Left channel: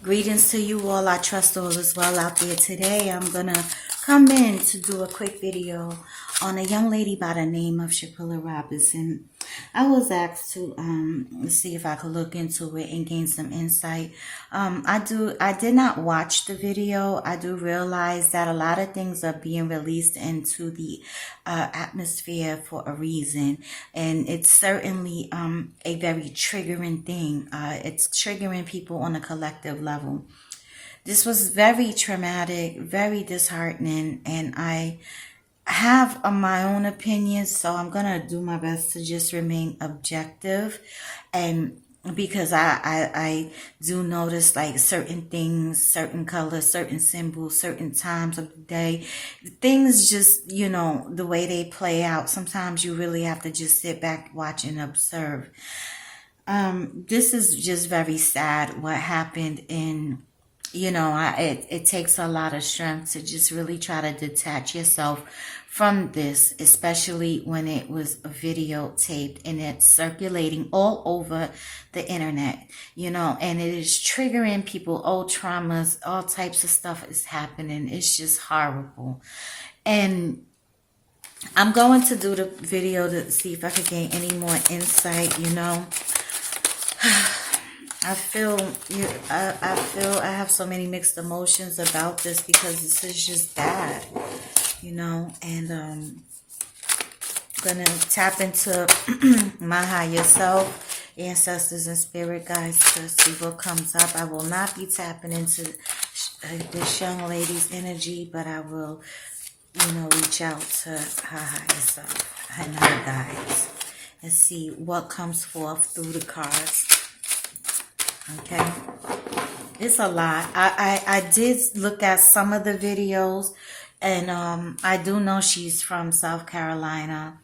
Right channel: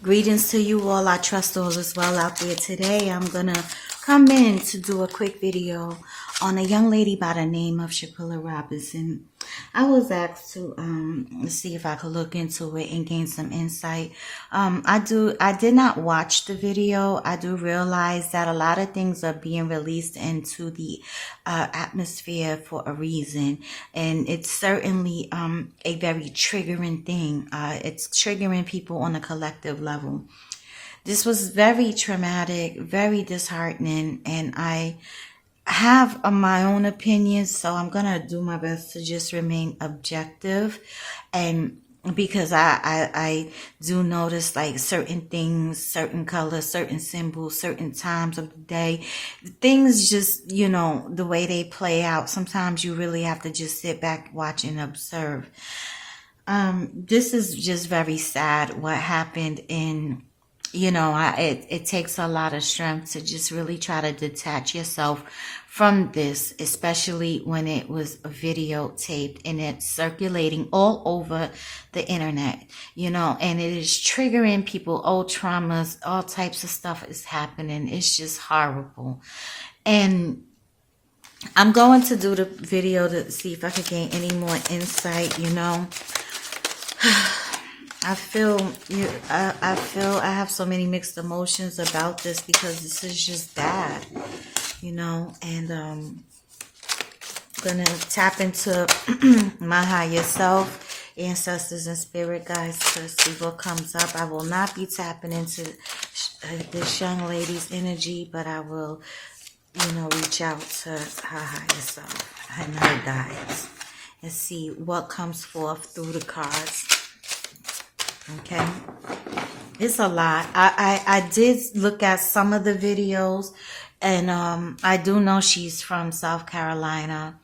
Greetings to you all. I trust all is well out there. Today I'm going to come in to do a quick video on a young lady by the name of Shanquella Robinson. I was asked to see if I could look into it and gain some insight. I did not watch the video. I do realize that a lot of things are being released into the atmosphere for a reason, and it's certainly a very triggering thing. It's triggering people on a collective level. This was very traumatic, very disheartening, and I have my own opinions, so I'm gonna do my best to just remain objective. And because I do notice like certain things, certain colors, certain symbols, certain times of the day, things just, you know, the way they play out, sometimes you really have to just sit back, watch, and observe. This is just very sad what happened in, you know, it takes a lot of strength to just really try to detach yourself from this, especially when it was videotaped and it's circulating all over the internet, you know, and it is triggering people, old traumas, all types of stuff is happening. It's just horrible. And I'm going to do the video to see if I could gain any more insight, you know. I feel I have so many mixed emotions about this because this is just bad, you know, and gonna tap into my higher self, ancestors, and spirit guides to see what comes up. I will not be tapping into this young lady's energy, but I will, you know, reach out to her higher self and her guides and see what comes forth through the cards. Okay, it's a lot. I did look at some of the videos, and I do know she's from North Carolina,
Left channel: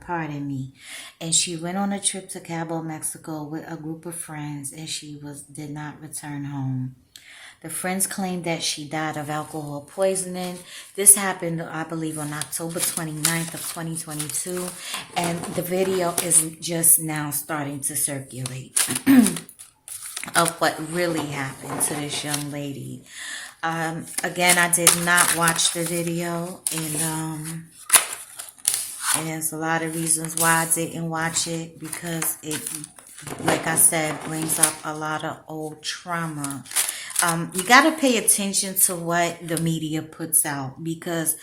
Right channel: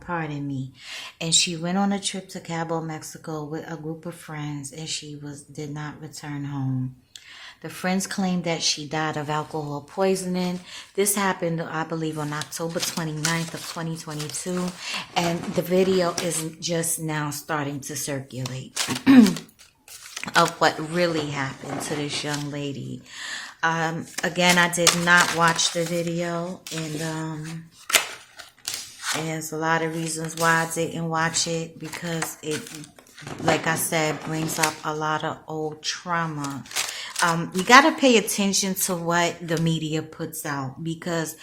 pardon me. And she went on a trip to Cabo, Mexico with a group of friends, and she did not return home. The friends claimed that she died of alcohol poisoning. This happened, I believe, on October 29th of 2022. And the video is just now starting to circulate of what really happened to this young lady. Again, I did not watch the video. And there's a lot of reasons why I didn't watch it. Because it, like I said, brings up a lot of old trauma. We got to pay attention to what the media puts out, because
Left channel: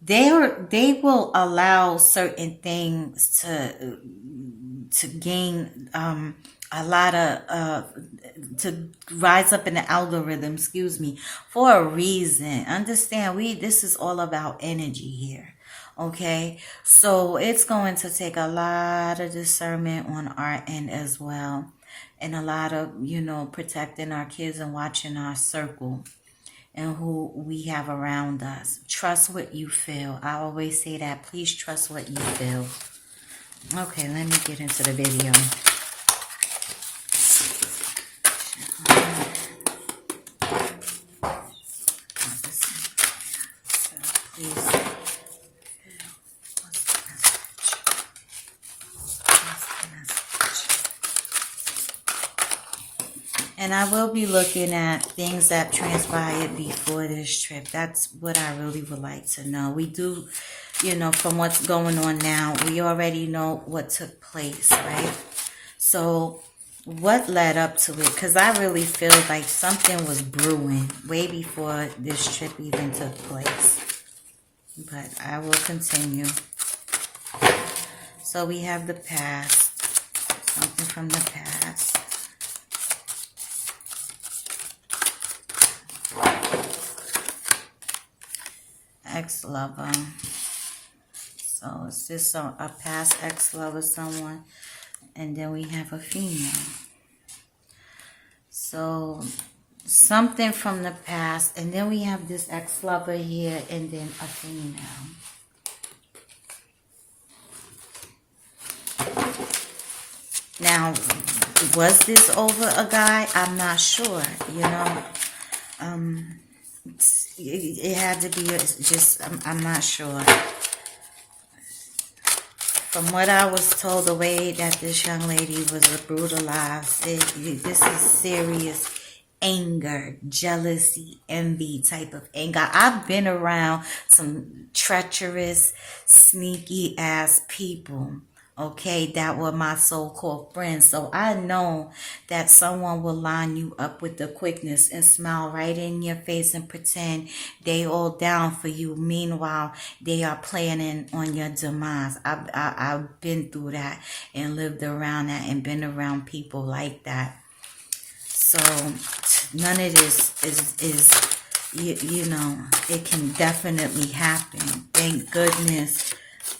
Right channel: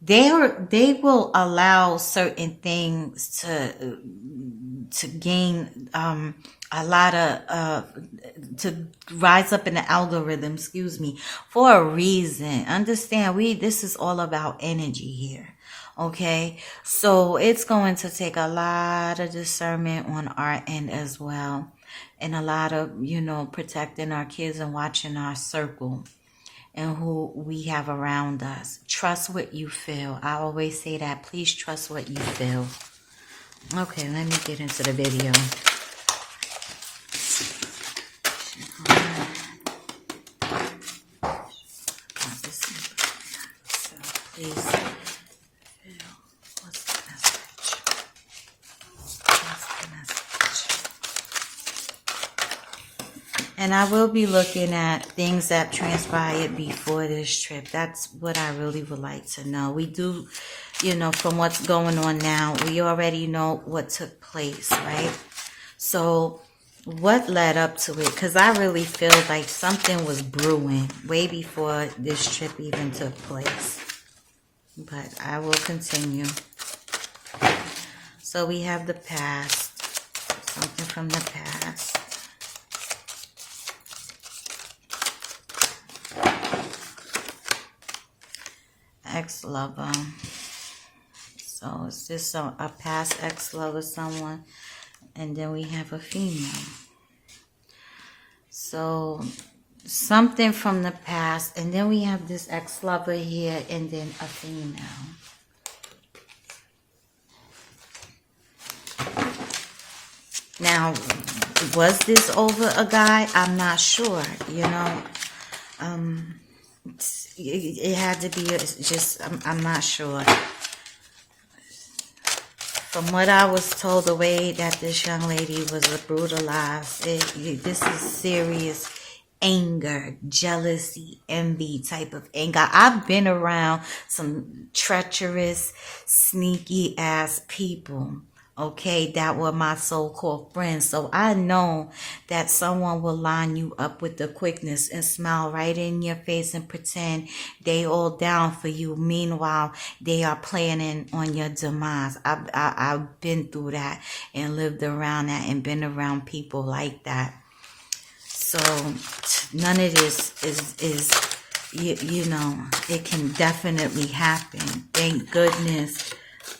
they will allow certain things to gain a lot of to rise up in the algorithm, for a reason. Understand, this is all about energy here. Okay, so it's going to take a lot of discernment on our end as well. And a lot of, you know, protecting our kids and watching our circle and who we have around us. Trust what you feel. I always say that. Please trust what you feel. Okay, let me get into the video. Please. And I will be looking at things that transpired before this trip. That's what I really would like to know. We do, you know, from what's going on now, we already know what took place, right? So what led up to it? Because I really feel like something was brewing way before this trip even took place. But I will continue. So we have the past. Something from the past. Ex-lover. So is this a past ex-lover, someone? And then we have a female. So something from the past. And then we have this ex-lover here, and then a female. Now, was this over a guy? I'm not sure, you know. It had to be just, I'm not sure. From what I was told, the way that this young lady was brutalized, this is serious anger, jealousy, envy type of anger. I've been around some treacherous, sneaky ass people, okay, that were my so-called friends. So I know that someone will line you up with the quickness and smile right in your face and pretend they all down for you. Meanwhile, they are planning on your demise. I've been through that and lived around that and been around people like that. So none of this is you know, it can definitely happen. Thank goodness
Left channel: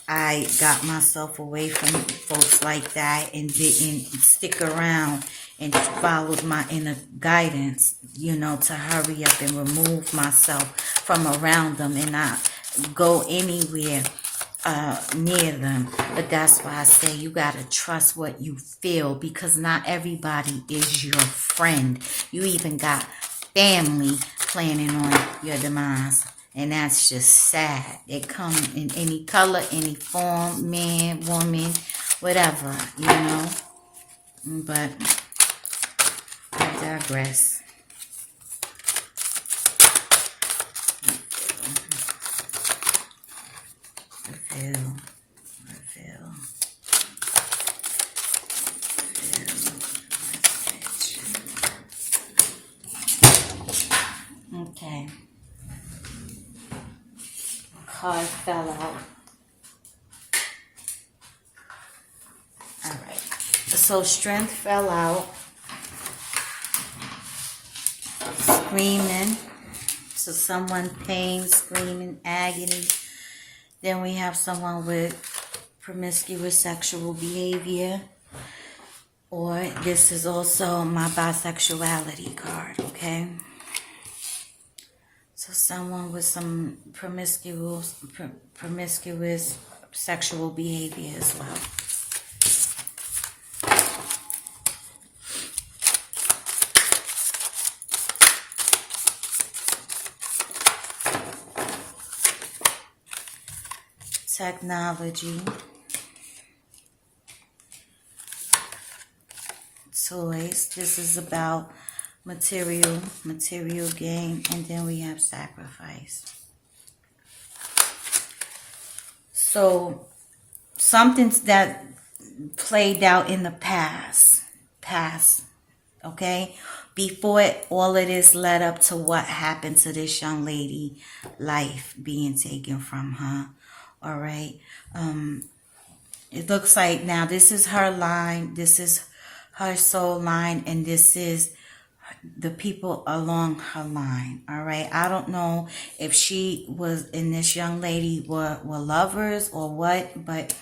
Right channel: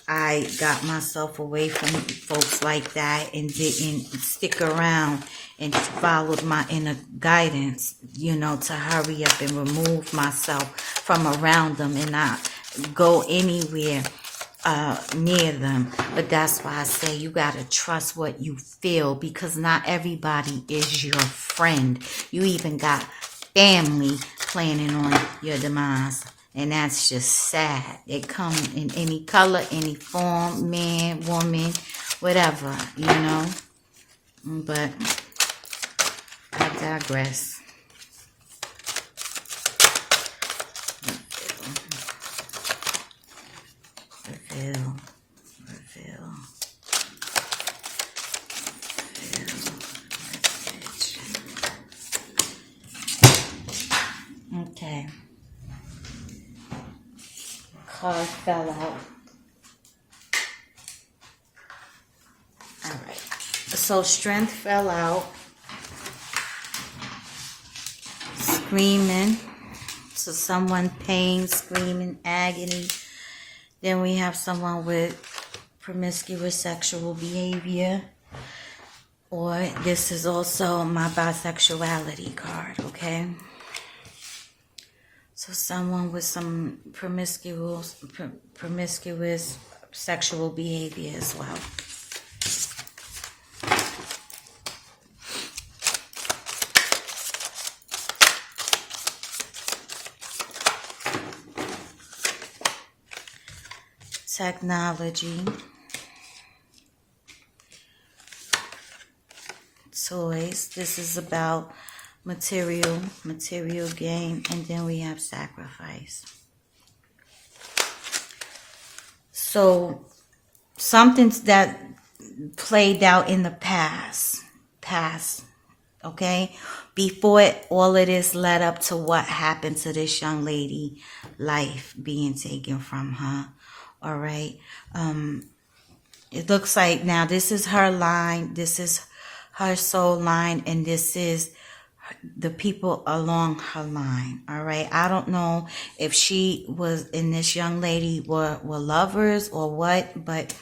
I got myself away from folks like that and didn't stick around and followed my inner guidance, you know, to hurry up and remove myself from around them and not go anywhere near them. But that's why I say you gotta trust what you feel, because not everybody is your friend. You even got family planning on your demise, and that's just sad. It come in any color, any form, man, woman, whatever, you know. But I digress. Reveal. Okay. Card fell out. Alright. So strength fell out. Screaming. So someone pain, screaming, agony. Then we have someone with promiscuous sexual behavior. Or this is also my bisexuality card, okay? So someone with some promiscuous sexual behavior as well. Technology. Toys. This is about material gain, and then we have sacrifice. So something that played out in the past, okay, before all of this led up to what happened to this young lady, life being taken from her. All right. It looks like now this is her line, this is her soul line, and this is the people along her line. All right. I don't know if she was and this young lady were lovers or what, but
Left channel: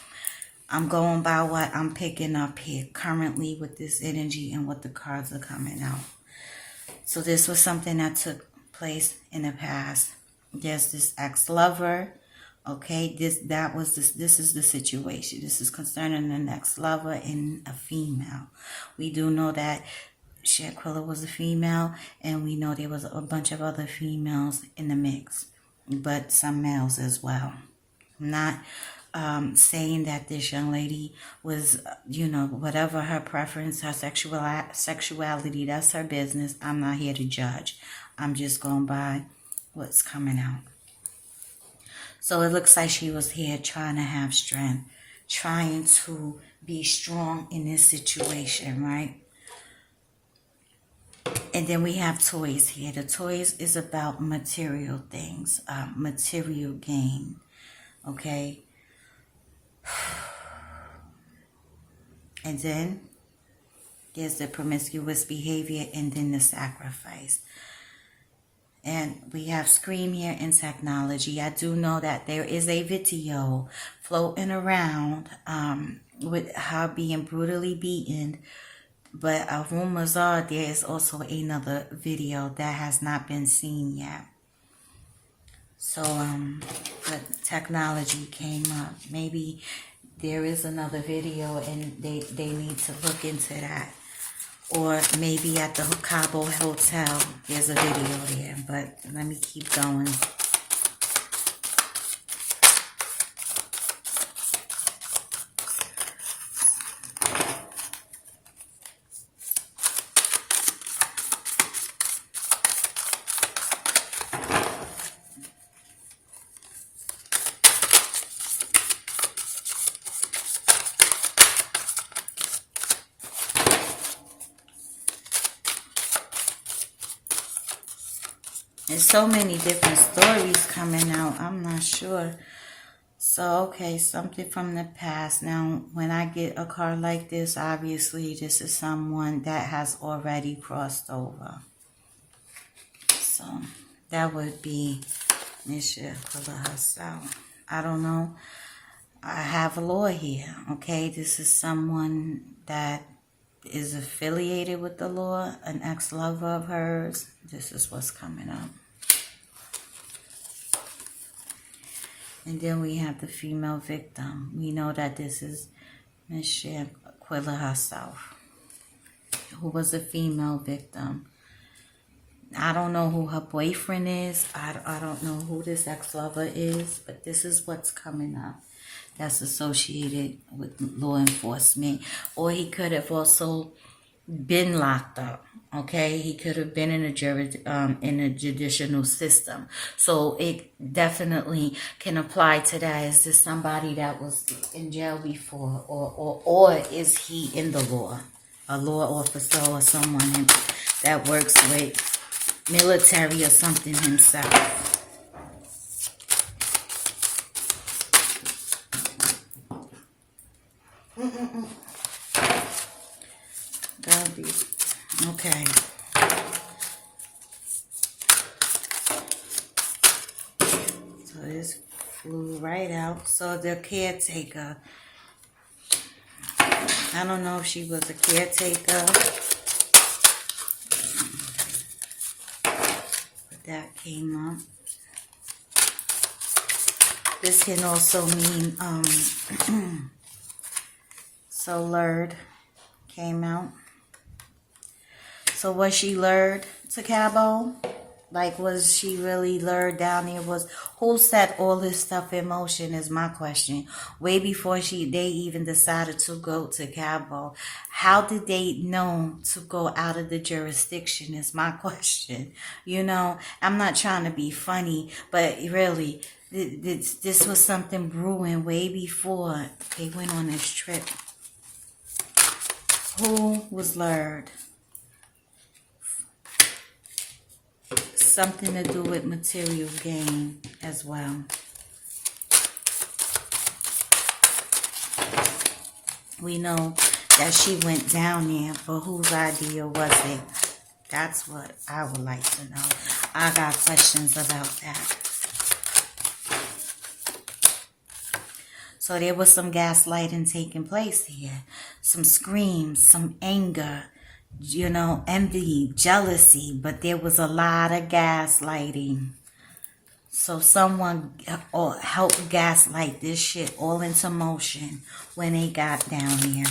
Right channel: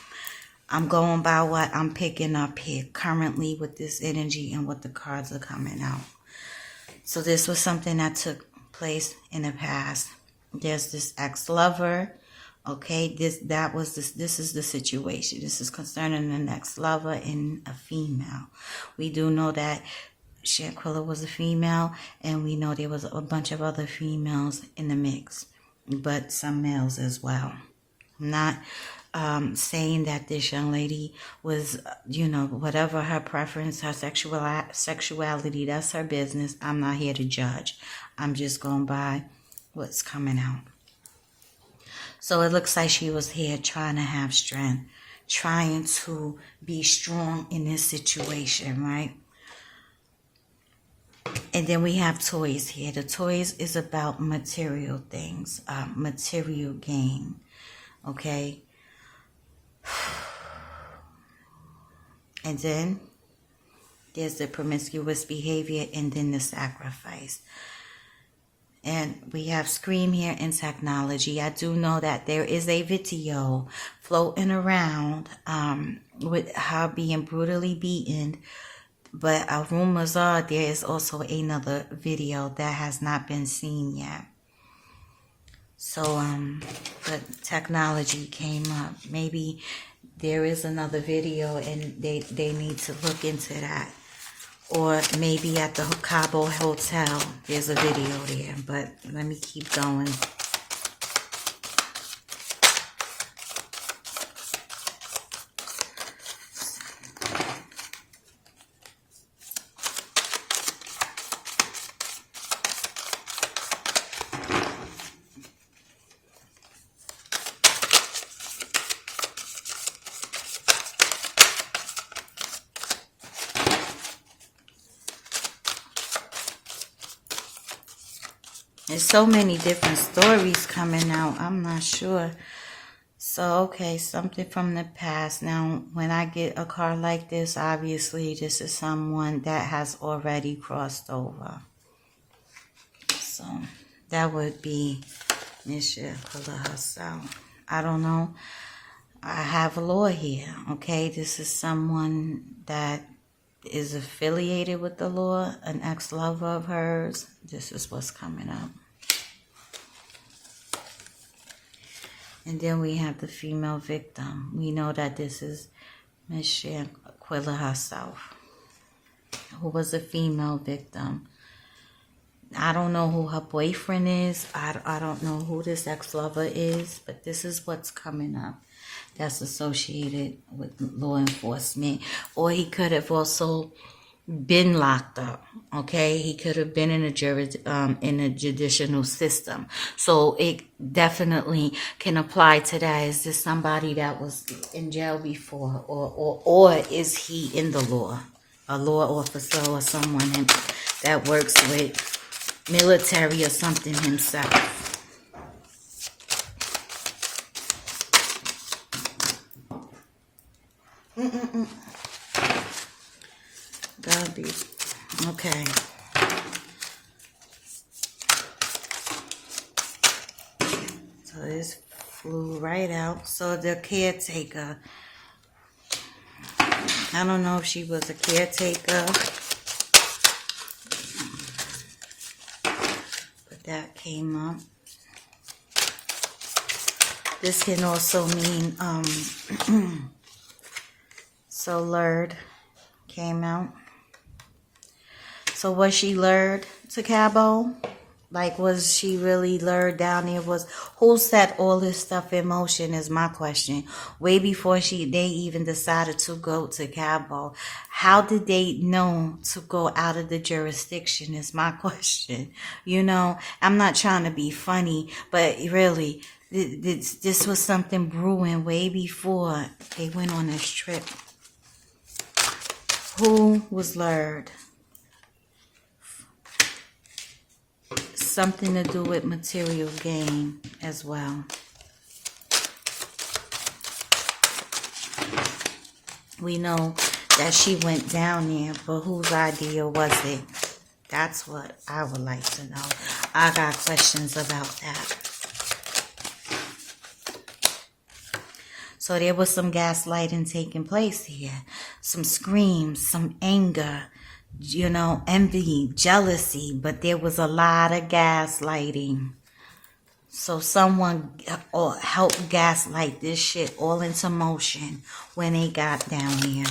I'm going by what I'm picking up here currently with this energy and what the cards are coming out. So this was something that took place in the past. There's this ex-lover. Okay, this is the situation. This is concerning the next lover and a female. We do know that Shanquella was a female, and we know there was a bunch of other females in the mix, but some males as well. I'm not saying that this young lady was, you know, whatever her preference, her sexuality, that's her business. I'm not here to judge. I'm just going by what's coming out. So it looks like she was here trying to have strength, trying to be strong in this situation, right? And then we have toys here. The toys is about material things, material gain, okay? And then there's the promiscuous behavior, and then the sacrifice. And we have Scream here in technology. I do know that there is a video floating around with her being brutally beaten. But rumors are there is also another video that has not been seen yet. So, but technology came up. Maybe there is another video and they need to look into that. Or maybe at the Cabo Hotel, there's a video there. But let me keep going. There's so many different stories coming out. I'm not sure. So, okay, something from the past. Now, when I get a card like this, obviously this is someone that has already crossed over. So, that would be Nisha herself. I don't know. I have a law here, okay? This is someone that is affiliated with the law, an ex-lover of hers. This is what's coming up. And then we have the female victim. We know that this is Miss Shanquella herself, who was a female victim. I don't know who her boyfriend is. I don't know who this ex-lover is, but this is what's coming up. That's associated with law enforcement. Or he could have also been locked up, okay? He could have been in a judicial system. So it definitely can apply to that. Is this somebody that was in jail before? Or is he in the law? A law officer or someone that works with military or something himself. That'd be okay. So this flew right out. So the caretaker, I don't know if she was a caretaker, but that came up. This can also mean so lured came out. So was she lured to Cabo? Like, was she really lured down there? Who set all this stuff in motion is my question. Way before they even decided to go to Cabo. How did they know to go out of the jurisdiction is my question. You know, I'm not trying to be funny, but really, this was something brewing way before they went on this trip. Who was lured? Something to do with material gain as well. We know that she went down there, but whose idea was it? That's what I would like to know. I got questions about that. So there was some gaslighting taking place here. Some screams, some anger, you know, envy, jealousy, but there was a lot of gaslighting. So someone helped gaslight this shit all into motion when they got down here.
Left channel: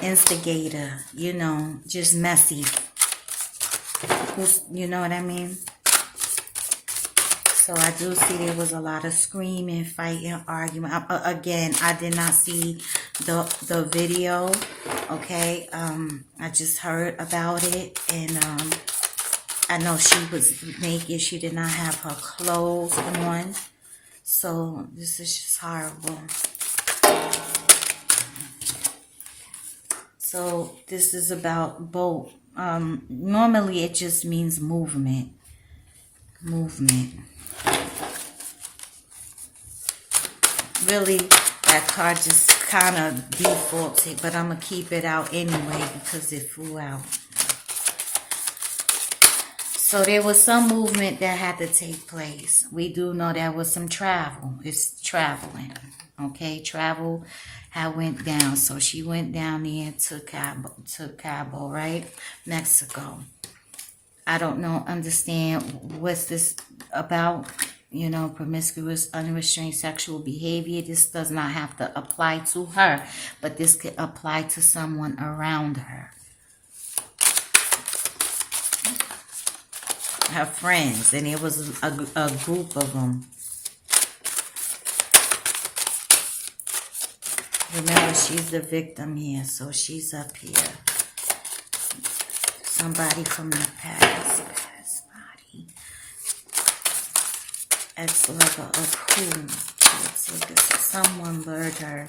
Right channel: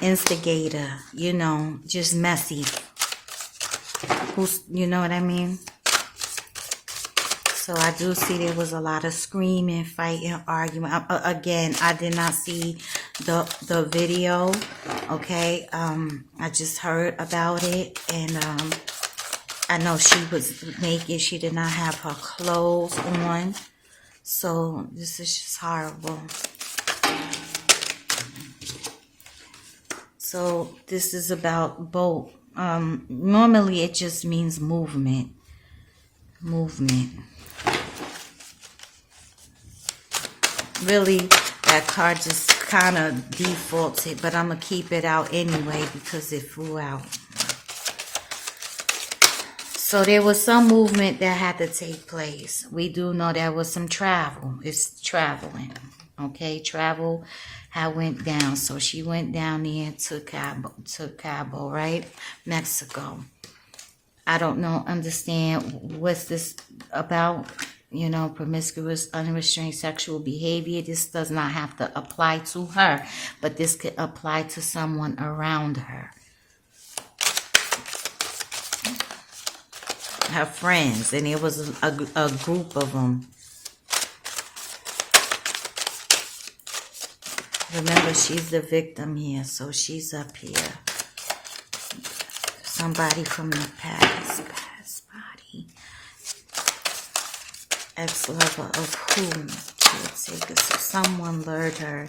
Instigator, you know, just messy. You know what I mean? So I do see there was a lot of screaming, fighting, argument. Again, I did not see the video, okay? I just heard about it, and I know she was naked. She did not have her clothes on. So this is just horrible. So this is about both. Normally it just means movement. Really, that card just kind of defaulted, but I'm going to keep it out anyway because it flew out. So there was some movement that had to take place. We do know there was some travel. It's traveling, okay? Travel had went down. So she went down there to Cabo, right? Mexico. I don't know, understand what's this about. You know, promiscuous, unrestrained sexual behavior. This does not have to apply to her, but this could apply to someone around her. Her friends, and it was a group of them. Remember, she's the victim here, so she's up here. Somebody from the past body. Ex-lover of who? Someone lured her.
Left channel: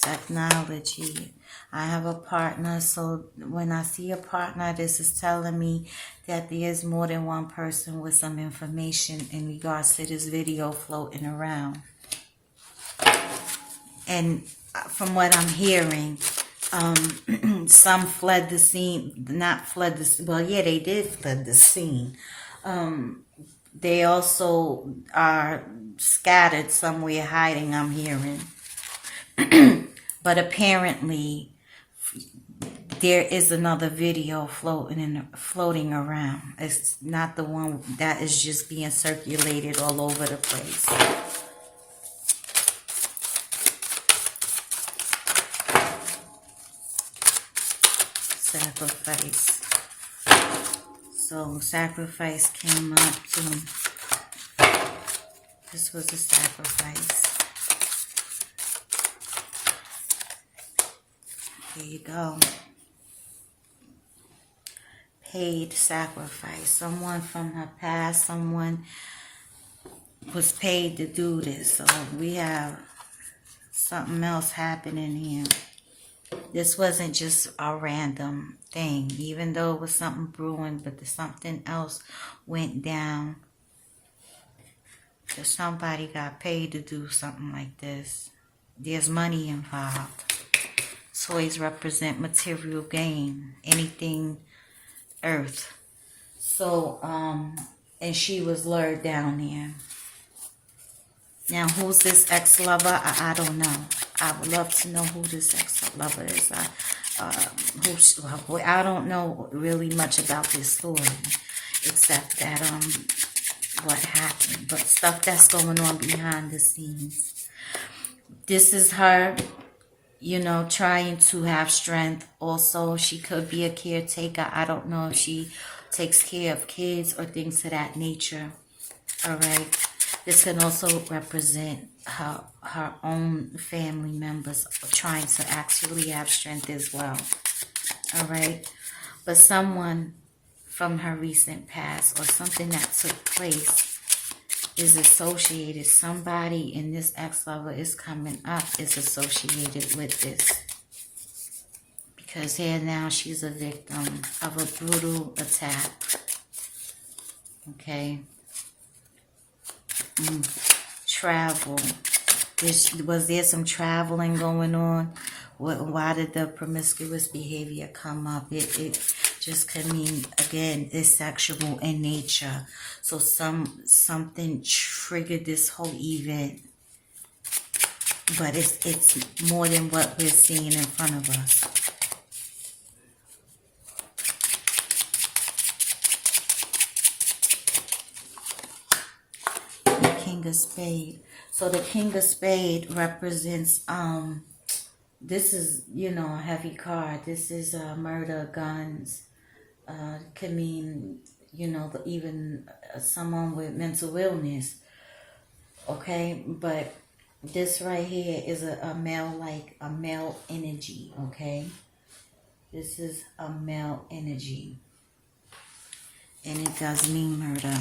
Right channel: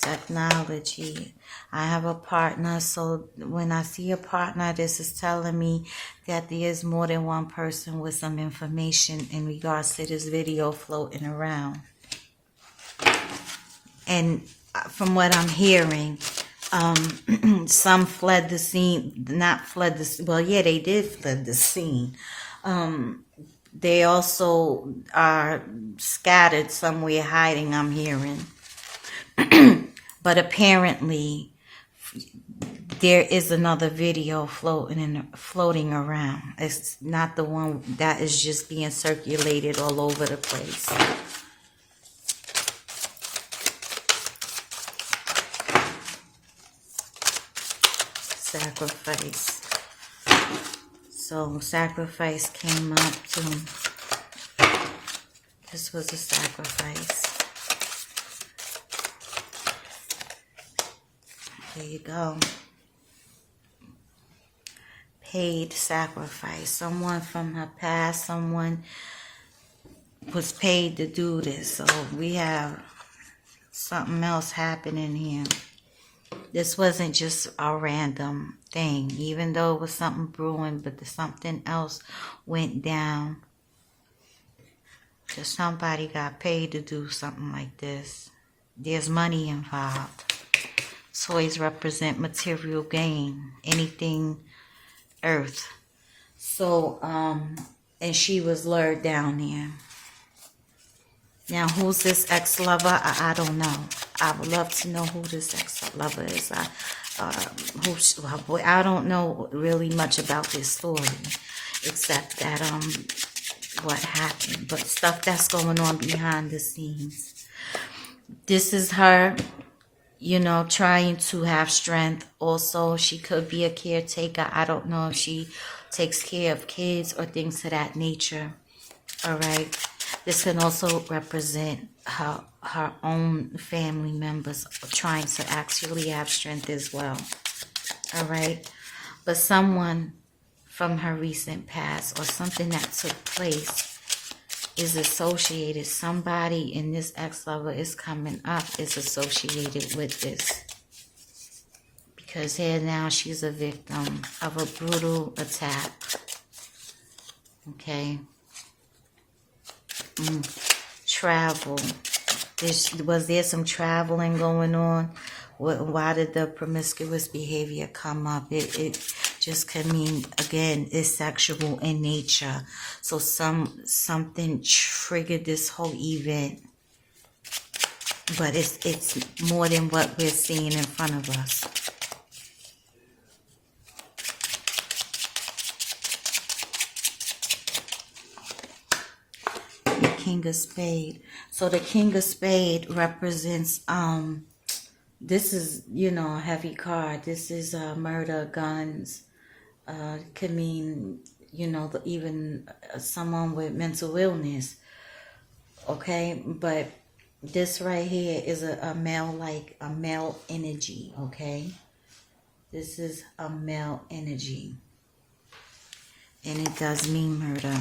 Technology. I have a partner, so when I see a partner, this is telling me that there is more than one person with some information in regards to this video floating around. And from what I'm hearing, some fled the scene, not fled the, well, yeah, they did fled the scene. They also are scattered somewhere hiding, I'm hearing. But apparently, there is another video floating around. It's not the one that is just being circulated all over the place. Sacrifice. So sacrifice came up to, this was a sacrifice. There you go. Paid sacrifice. Someone from her past, someone was paid to do this. So we have something else happening here. This wasn't just a random thing, even though it was something brewing, but something else went down. That somebody got paid to do something like this. There's money involved. Toys represent material gain, anything earth. So, and she was lured down there. Now, who's this ex-lover? I don't know. I would love to know who this ex-lover is. I don't know really much about this story, except that what happened, but stuff that's going on behind the scenes. This is her, you know, trying to have strength. Also, she could be a caretaker. I don't know if she takes care of kids or things of that nature. All right. This can also represent her own family members trying to actually have strength as well. All right. But someone from her recent past or something that took place is associated. Somebody in this ex-lover is coming up is associated with this. Because here now she's a victim of a brutal attack. Okay. Travel. Was there some traveling going on? Why did the promiscuous behavior come up? It just could mean, again, it's sexual in nature. So something triggered this whole event. But it's more than what we're seeing in front of us. King of Spade. So the King of Spade represents, this is, you know, a heavy card. This is murder, guns. Could mean, you know, even someone with mental illness. Okay, but this right here is a male, like a male energy. Okay, this is a male energy. And it does mean murder.